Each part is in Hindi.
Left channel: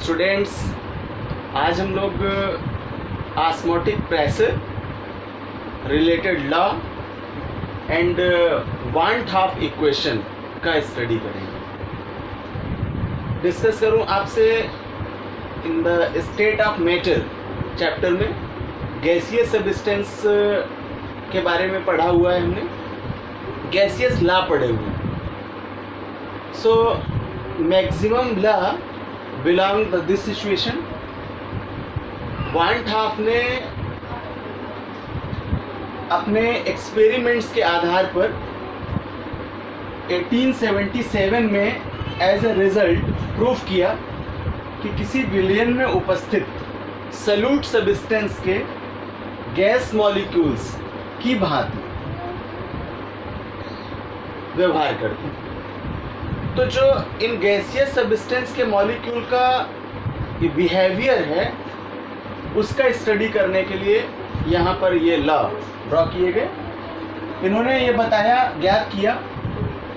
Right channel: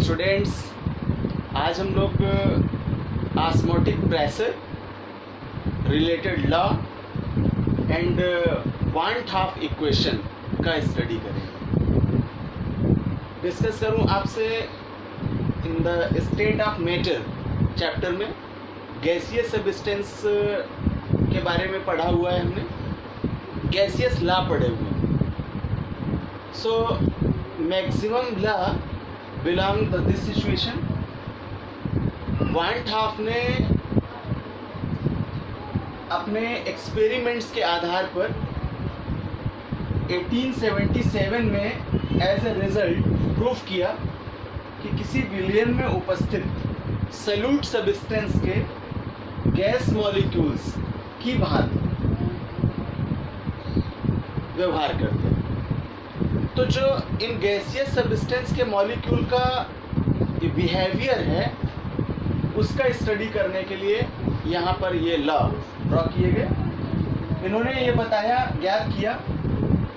स्टूडेंट्स, आज हम लोग osmotic pressure related law and want half equation का स्टडी करेंगे। डिस्कस करूं आपसे in the state of matter chapter में गैसियस सब्सटेंस के बारे में पढ़ा हुआ है हमने, गैसियस लॉ पढ़े हुए हैं। So maximum law belong to this situation. Van't Hoff ने अपने एक्सपेरिमेंट्स के आधार पर 1877 में एज ए रिजल्ट प्रूफ किया कि किसी विलयन में उपस्थित सल्यूट सब्सटेंस के गैस मॉलिक्यूल्स की भांति व्यवहार करते हैं। तो जो इन गैसियस सब्सटेंस के मॉलिक्यूल का बिहेवियर है उसका स्टडी करने के लिए यहाँ पर ये लॉ ड्रॉ किए गए। इन्होंने ये बताया, ज्ञात किया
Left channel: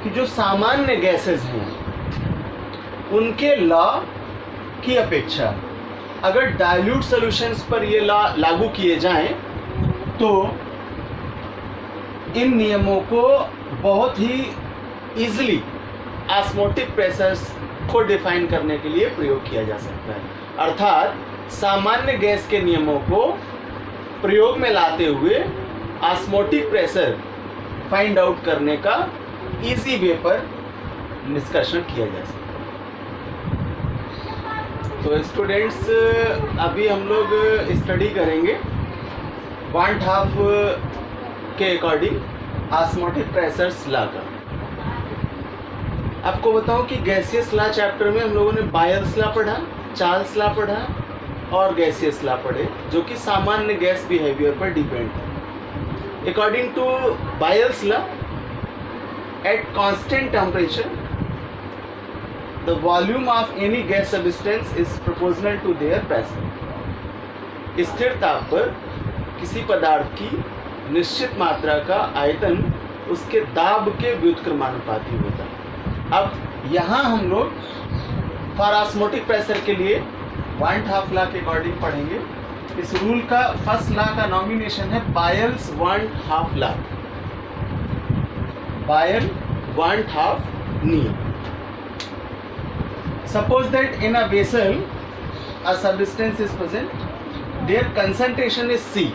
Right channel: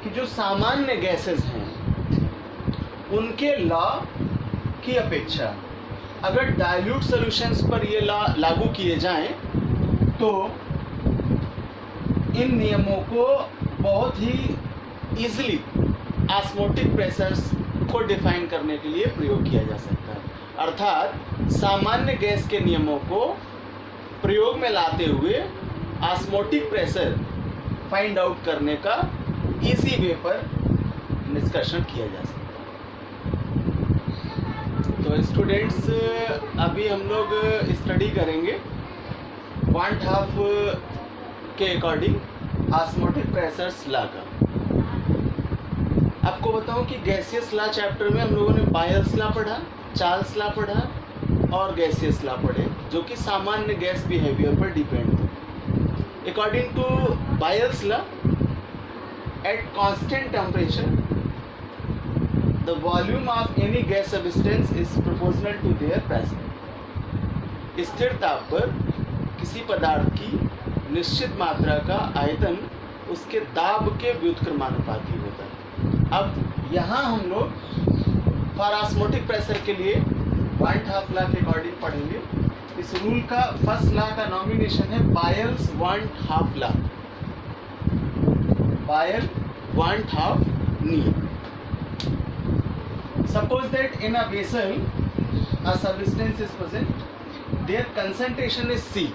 कि जो सामान्य गैसेस हैं उनके लॉ की अपेक्षा अगर डाइल्यूट सॉल्यूशंस पर ये लॉ लागू किए जाएं तो इन नियमों को बहुत ही इजीली ऑस्मोटिक प्रेशर्स को डिफाइन करने के लिए प्रयोग किया जा सकता है। अर्थात सामान्य गैस के नियमों को प्रयोग में लाते हुए ऑस्मोटिक प्रेशर फाइंड आउट करने का इजी वे पर डिस्कशन किया जा सकता है। तो स्टूडेंट्स, अभी हम लोग स्टडी करेंगे वांट हाफ के अकॉर्डिंग ऑस्मोटिक प्रेशर्स लॉ का। आपको बताऊं कि गैसियस लॉ चैप्टर में हम लोगों ने बायल्स लॉ पढ़ा, चार्ल्स लॉ पढ़ा और गैसियस लॉ पढ़े, जो कि सामान्य गैस बिहेवियर पर डिपेंड है। According to Boyle's law, at constant temperature the volume of any gas substance is proportional to their pressure. स्थिर ताप पर किसी पदार्थ की निश्चित मात्रा का आयतन उसके दाब के व्युत्क्रमानुपाती होता है। अब यहाँ हम लोग फॉर ऑस्मोटिक प्रेशर के लिए वांट हाफ लॉ के अकॉर्डिंग पढ़ेंगे। इस रूल का फर्स्ट लॉ का नॉमिनेशन है बायल्स वांट हाफ लॉ, बायल वांट हाफ नियम। Suppose that in a vessel a substance is present, there concentration is C।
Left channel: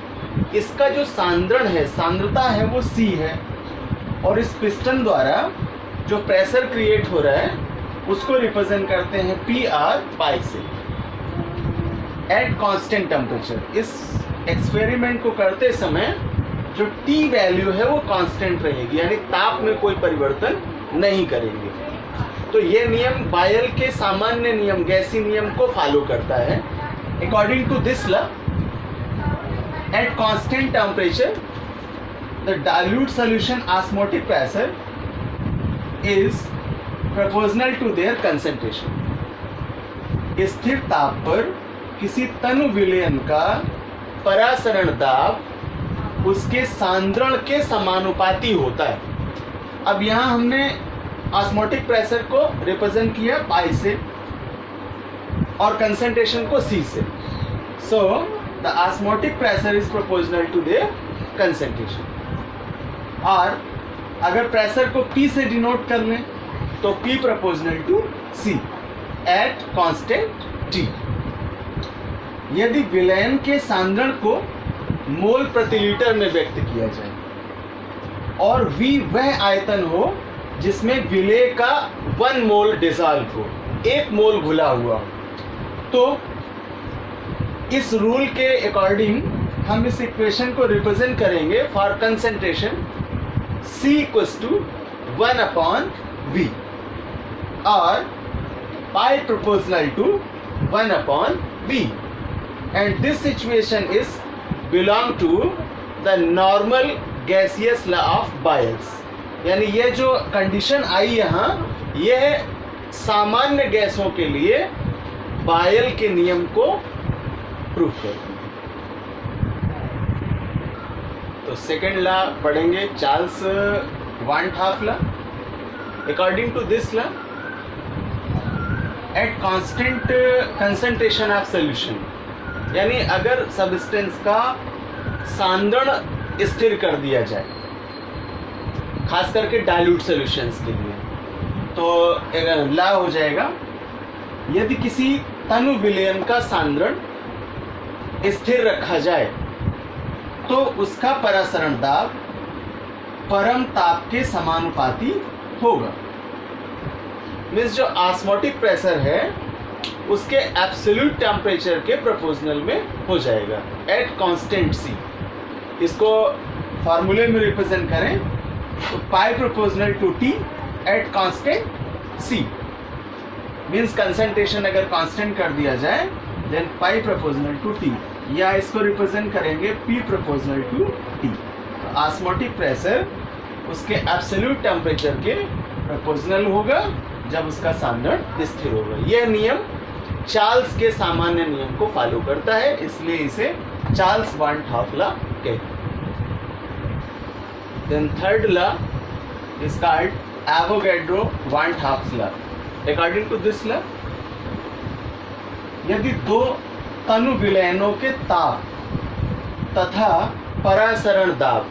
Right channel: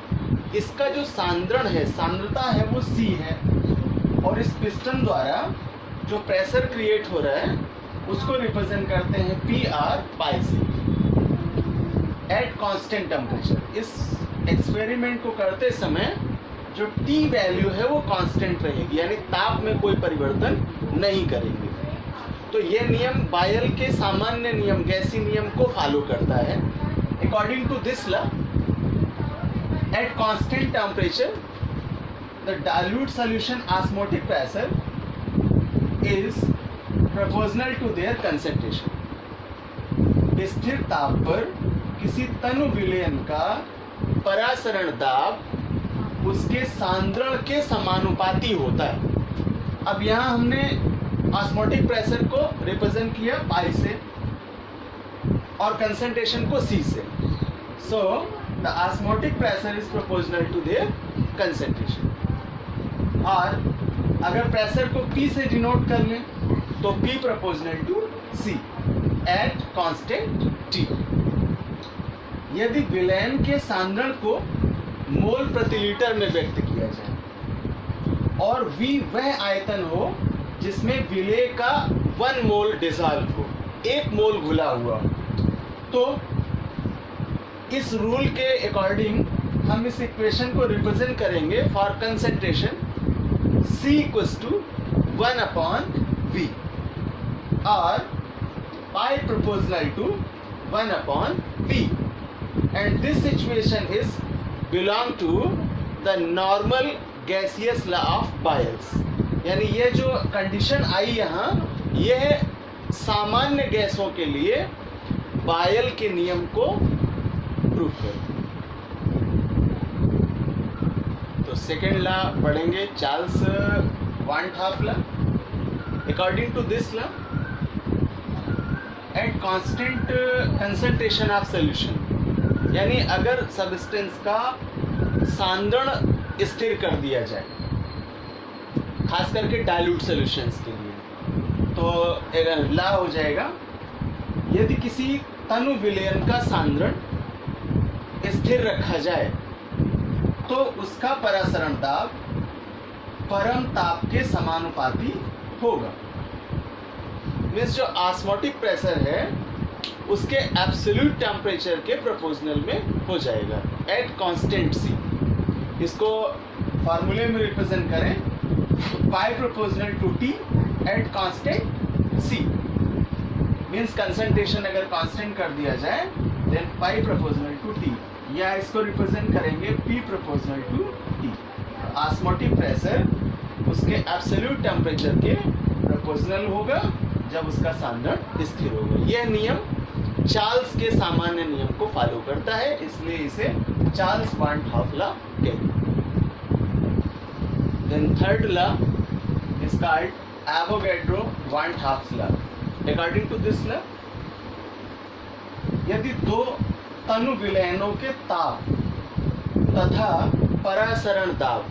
इसका जो सांद्रण है, सांद्रता है, वो C है और इस पिस्टन द्वारा जो प्रेशर क्रिएट हो रहा है उसको रिप्रेजेंट करते हैं PR पाई से एट कांस्टेंट टेम्परेचर। इस एक्सपेरिमेंट को करते समय जो T वैल्यू है वो कांस्टेंट रहेगी, यानी ताप में कोई परिवर्तन नहीं करेंगे। तो ये नियम बायल के सामान्य नियम, गैसी नियम को फॉलो करता है। According to this law, at constant temperature the dilute solution osmotic pressure is proportional to their concentration। स्थिर ताप पर किसी तनु विलयन का परासरण दाब उसके सांद्रण के समानुपाती होता है। अब यहाँ हमने ऑस्मोटिक प्रेशर को रिप्रेजेंट किया पाई से और कंसंट्रेशन को C से। So the osmotic pressure is proportional to their concentration. और अगर प्रेशर को P से डिनोट कर लें तो P proportional to C at constant T। यदि विलयन के सांद्रण को मोल प्रति लीटर में व्यक्त किया जाए और V वह आयतन हो जिसमें विलेय का 1 मोल डिसॉल्व हो, 1 मोल घुला हुआ हो, तो इस रूल के अकॉर्डिंग हम इस इक्वेशन को रिप्रेजेंट करेंगे for concentration C equals to 1 upon V or pi proportional to 1 upon V, and this situation is belong to the normal gaseous law of Boyle's। यानी ये जो कंडीशन आई यहाँ, यह सामान्य गैसों के लिए बायल के नियम को प्रूफ करती है। तो सेकेंड लॉ पढ़ेंगे, Charles van't Hoff law. According to this law, at constant concentration of solution, यानी अगर सब्सटेंस का सांद्रण स्थिर कर दिया जाए, खास करके डाइल्यूट सॉल्यूशंस के लिए, तो ला हो जाएगा यदि किसी तनु विलयन का सांद्रण स्थिर रखा जाए तो उसका परासरण दाब परम ताप के समानुपाती होगा। मीन्स जो ऑस्मोटिक प्रेशर है उसके एब्सोल्यूट टेम्परेचर के प्रोपोर्शनल में हो जाएगा एट कांस्टेंट सी। इसको फार्मूले में रिप्रेजेंट करें तो pi proportional to T at constant C. Means concentration अगर कांस्टेंट कर दिया जाए then pi proportional to T, या इसको रिप्रेजेंट करेंगे P proportional to T. Osmotic pressure उसके एब्सोल्यूट टेम्परेचर के प्रोपोर्शनल होगा जब उसका सांद्रण स्थिर होगा। यह नियम चार्ल्स के सामान्य नियम को फॉलो करता है, इसलिए इसे चार्ल्स वान हाफ लॉ कहते हैं। Then third law is called Avogadro van't Hoff law. According to this law, यदि दो तनु विलयनों के ताप तथा परासरण दाब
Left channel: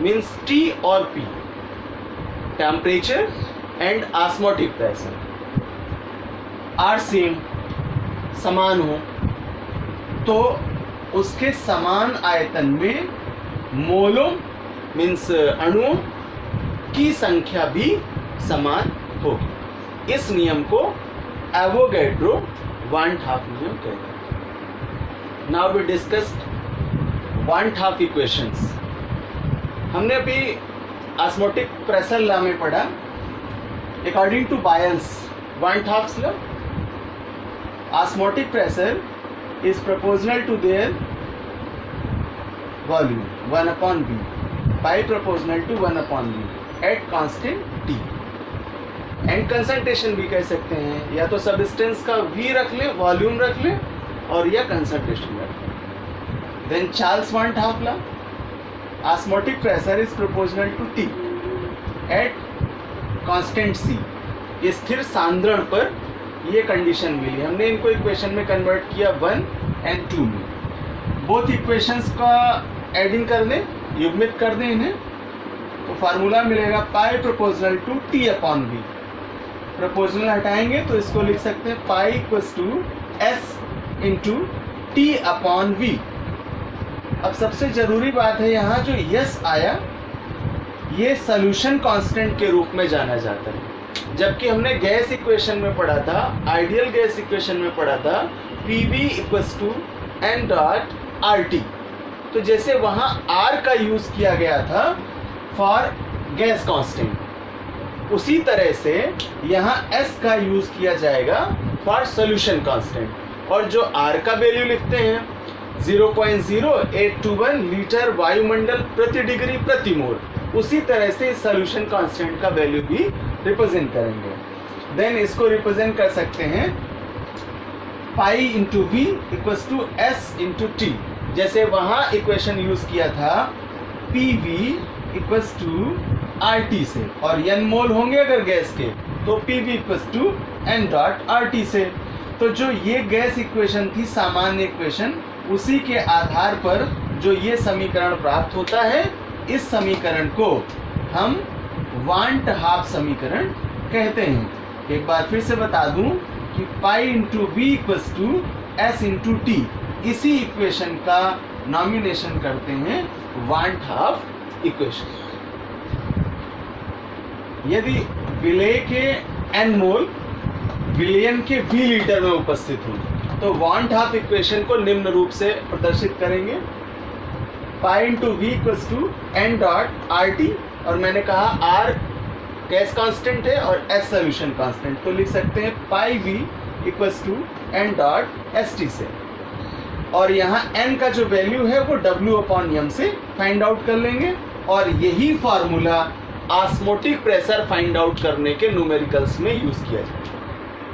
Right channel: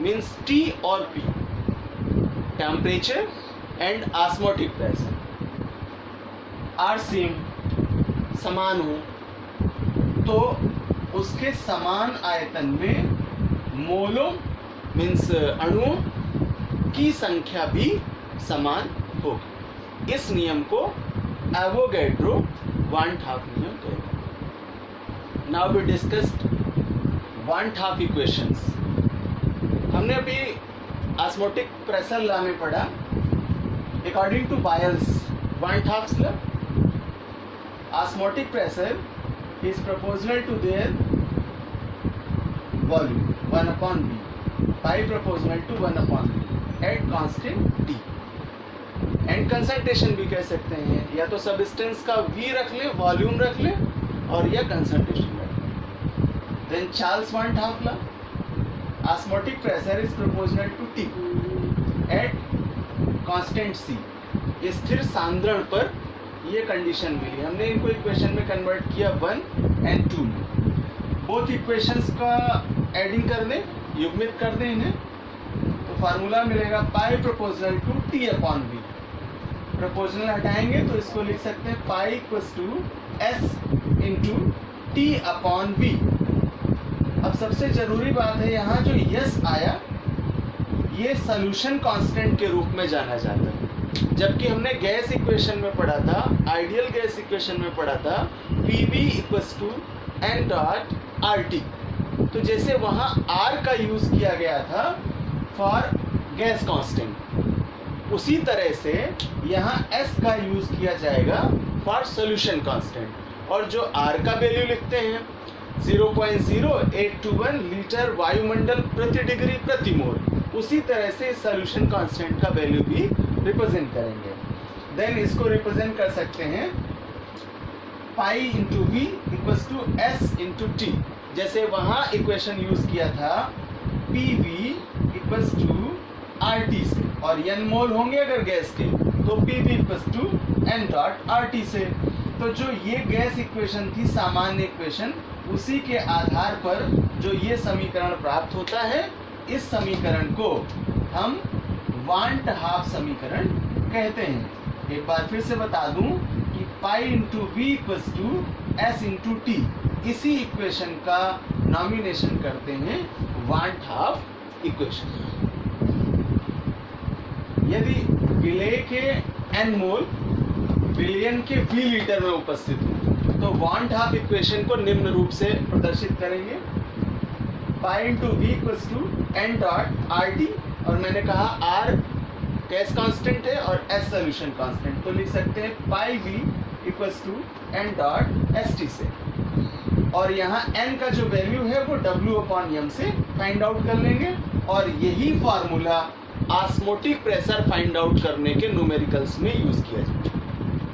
मीन्स T और P, temperature and osmotic pressure are same, समान हो, तो उसके समान आयतन में मोलों मीन्स अणुओं की संख्या भी समान होगी। इस नियम को एवोगैड्रो वान हाफ नियम कहते हैं। Now we discussed van't Hoff equations. हमने अभी ऑस्मोटिक प्रेशर लॉ में पढ़ा according to Boyle's van't Hoff law, osmotic pressure is proportional to their volume 1 upon V, pi proportional to 1 upon V at constant T। And concentration भी कह सकते हैं, या तो सबस्टेंस का V रख ले, वॉल्यूम रख ले, और या कंसंट्रेशन रख ले। Then Charles van't Hoff law, osmotic pressure is proportional to T at constant C। स्थिर सांद्रण पर ये कंडीशन मिली। हमने इनको इक्वेशन में कन्वर्ट किया 1 and 2 में। बोथ इक्वेशंस का एडिंग कर दें, युग्मित कर दें इन्हें, तो फार्मूला मिलेगा pi proportional to T upon V. Proportional हटाएंगे तो इसको लिख सकते हैं pi equals to S into T upon V. अब सबसे जरूरी बात है यहाँ जो यस आया ये सोल्यूशन कांस्टेंट के रूप में जाना जाता है, जबकि हमने गैस इक्वेशन में पढ़ा था, आइडियल गैस इक्वेशन में पढ़ा था PV equals to n dot RT। तो जैसे वहाँ R का यूज किया गया था फॉर गैस कांस्टेंट, उसी तरह से यहाँ S का यूज किया जाएगा फॉर सॉल्यूशन कांस्टेंट। और जो R का वैल्यू लिखते हैं 0.0821 लीटर वायुमंडल प्रति डिग्री प्रति मोल, उसी तरह से सॉल्यूशन कांस्टेंट का वैल्यू भी रिप्रेजेंट करेंगे। देन इसको रिप्रेजेंट कर सकते हैं pi into V equals to S into T. जैसे वहाँ इक्वेशन यूज किया था P V equals to R T से, और एन मोल होंगे अगर गैस के तो P V equals to N dot R T से। तो जो ये गैस इक्वेशन थी सामान्य इक्वेशन, उसी के आधार पर जो ये समीकरण प्राप्त होता है, इस समीकरण को हम वान हाफ समीकरण कहते हैं। एक बार फिर से बता दूं कि pi into V equals to S into T, इसी इक्वेशन का नॉमिनेशन करते हैं वान हाफ इक्वेशन। यदि विलेय के एन मोल विलियन के वी लीटर में उपस्थित हो तो वान हाफ इक्वेशन को निम्न रूप से प्रदर्शित करेंगे pi into V equals to N dot R T, और मैंने कहा आर गैस कांस्टेंट है और एस सॉल्यूशन कांस्टेंट, तो लिख सकते हैं pi V equals to N dot S T से। और यहाँ एन का जो वैल्यू है वो डब्ल्यू अपॉन एम से फाइंड आउट कर लेंगे, और यही formula osmotic pressure find out करने के न्यूमेरिकल्स में यूज किया जाए।